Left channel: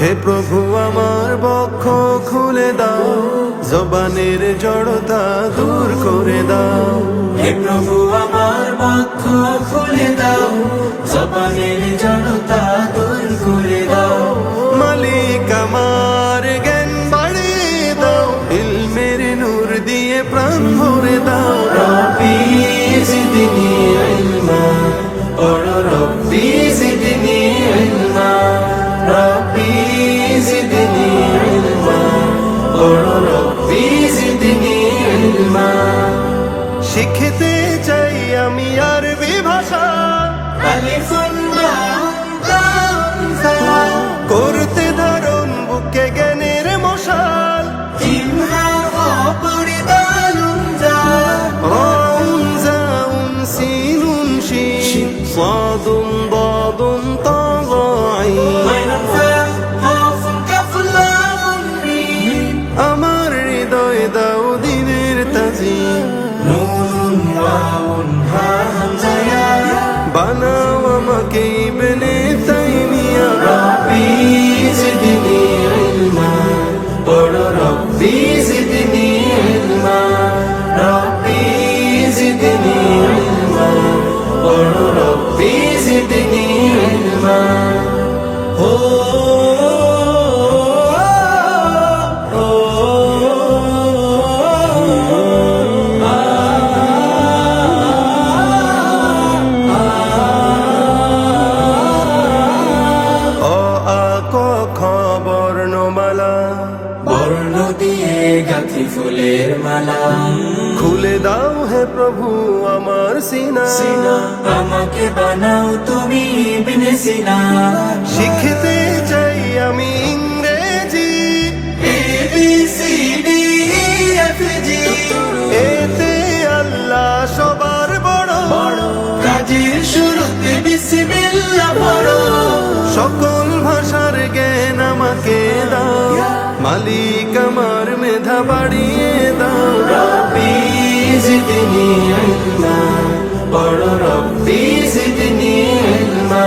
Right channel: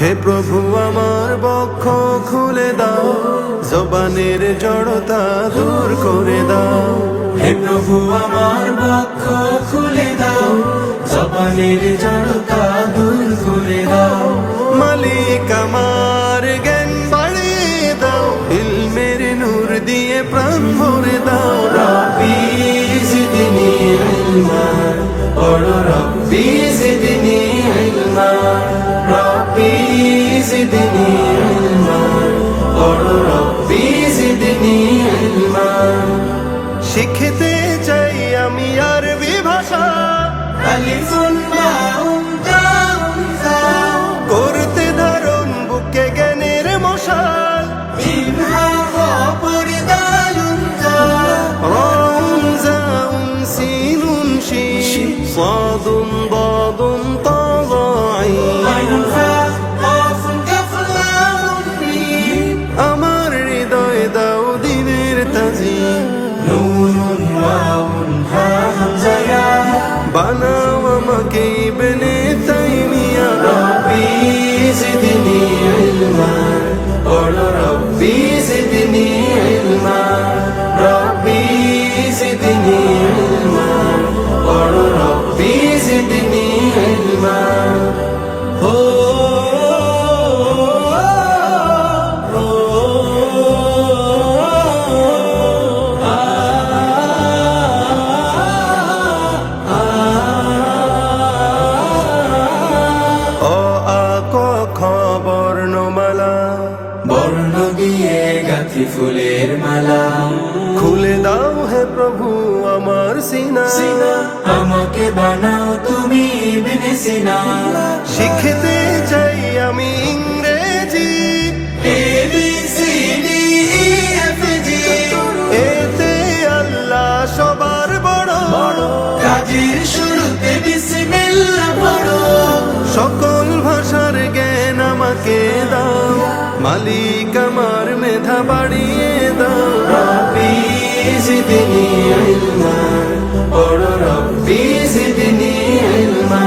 হে প্রভু আমার বক্ষ খুলে দাও, জবানের জড়তা দূর করে দাও। হে প্রভু আমার বক্ষ খুলে দাও, জবানের জড়তা দূর করে দাও। মালিক আমার জ্ঞান বাড়িয়ে দাও, ইলমের নূর দিয়ে প্রাণ ভরে দাও। রব্বি জিদনি ইলমা, পড়ো রব্বি জিদনি ইলমা, রব্বি জিদনি ইলমা, পড়ো রব্বি জিদনি ইলমা। শিখতে চাই আমি আরবি ভাষা, আলিফুন বাউন তাউন ফা, করতে ধারণ বুকে জ্ঞানের মশাল। ইমহা অপরি দালুন জাল, রাউন জাউন সিনুন শিন, সাদুন দাদুন তা আইন। আইনুন ফা, কাফুন কাফ লামুন মিম। আমার হৃদয় দাও দিনের তাজিম, নুন ওয়াউন হা হামজা ইয়া, বানাও আমাকে ইবনে তাইমিয়া। রব্বি জিদনি ইলমা, পড়ো রব্বি জিদনি ইলমা, রব্বি জিদনি ইলমা, পড়ো রব্বি জিদনি ইলমা। ও অ আ ক খ বর্ণমালা, বর্ণ দিয়ে গাঁথি ফুলের মালা। খুলে দাও হে প্রভু আমার সিনা। আমাকে বানাও তুমি ইবনে সিনা, শিখতে চাই আমি ইংরেজি, ABCD EFG, এতে আল্লাহ সবার বড়। কাজের শুরুতে বিসমিল্লাহ পড়ো। সকল ভাষার জ্ঞান আমাকে দাও, মালিক আমার মেধা বাড়িয়ে দাও। রব্বি জিদনি ইলমা, পড়ো রব্বি জিদনি ইলমা।